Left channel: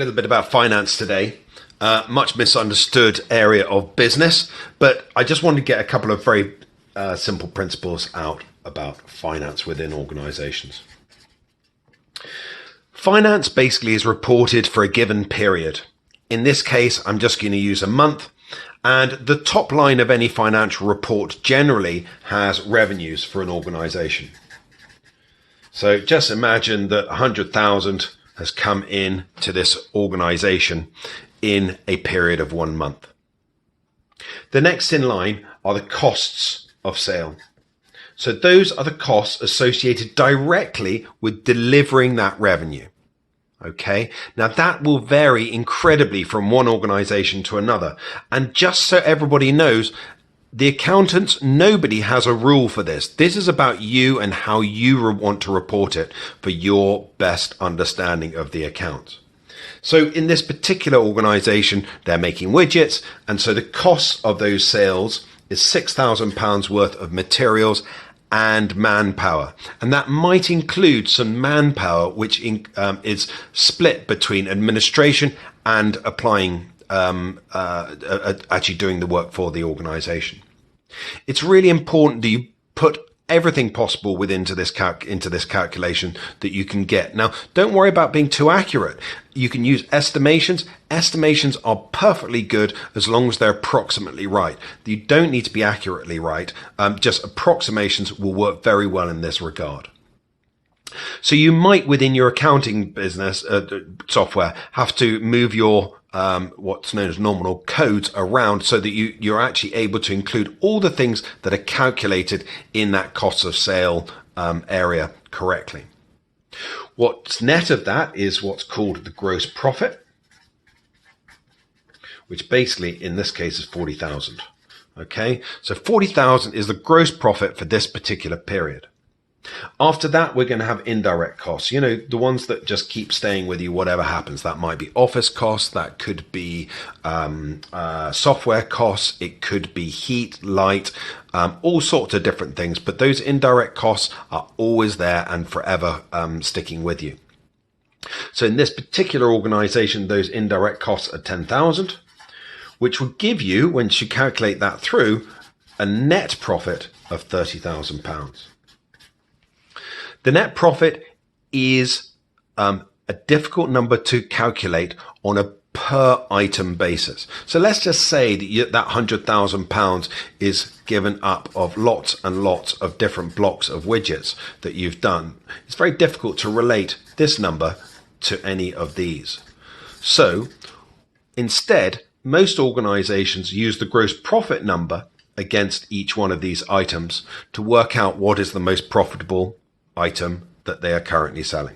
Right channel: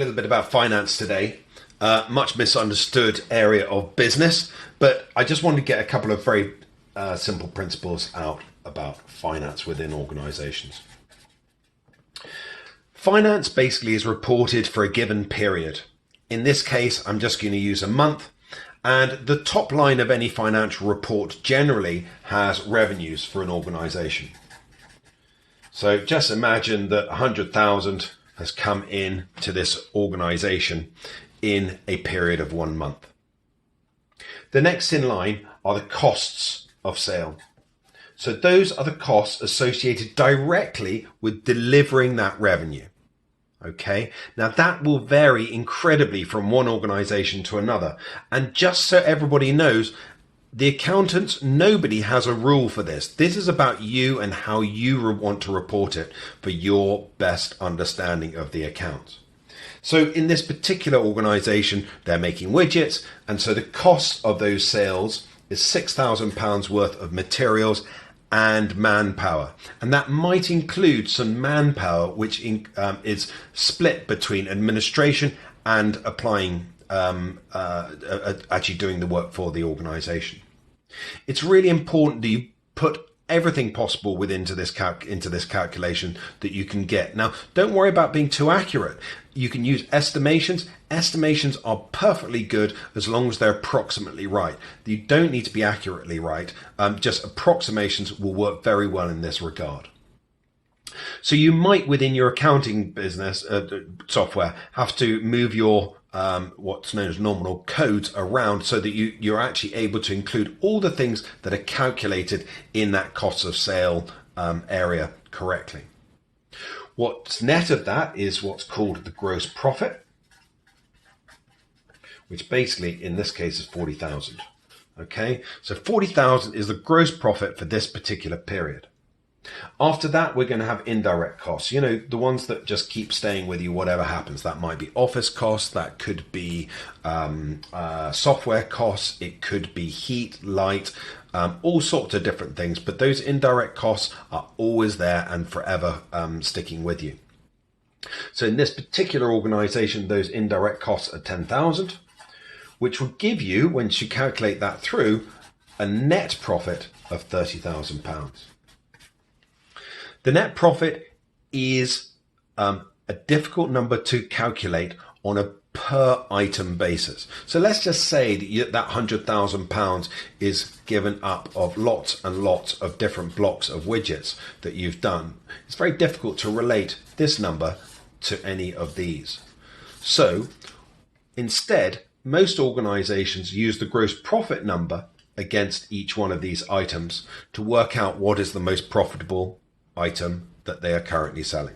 A little bit about finance today. Much misunderstood area of business, but I just wanted to get a couple of very simple principles out about finance within organizations. Finance basically is reported for a given period. In this case, I'm just going to use a month, and the top line of any financial report generally has revenues for an organization. So just imagine that 100,000 has come in to this organization in a period of 1 month. The next in line are the costs of sale. So those are the costs associated directly with delivering that revenue. Okay, now that will vary incredibly from one organization to another. And just so everybody knows, the accountants, nobody has a rule for this. This is about you and how you want to report it for your best understanding of the account. So in this particular organization, they're making widgets. And so the cost of those sales is £6,000 worth of materials and manpower. And that might include some manpower, which is split between administration and applying actually doing the work for the organization. It's really important that you put everything possible into this calculation that you can get. Now, don't worry about being too accurate. You can use estimations. Estimations are perfectly good as long as they're approximately right. You don't need to be accurately right. Just approximations will work very well in this regard. So you might, within your accounting business software, have to move your what's known as nominal codes around so that you're actually able to include all the things that are calculated in that cost of sale area correctly. What's net of that is what's called the gross profit, which basically in this case is 40,000. Okay, so 40,000 is the gross profit for this particular period. After that, we're going to have indirect costs, you know, the ones that just keep staying with you, whatever happens. That might be office costs, that could be software costs, it could be heat, light, all sorts of different things. But those indirect costs are always there and forever sticking with you. So in this particular organization, those indirect costs are 10,000, which will give you, once you calculate that through, a net profit of £30,000. The net profit is a difficult number to calculate on a per item basis. So let's just say that that £100,000 is given up of lots and lots of different blocks of widgets that you've done. It's very difficult to relate this number to any of these. So instead, most organizations use the gross profit number against each one of these items to work out what is the most profitable item that they are currently selling.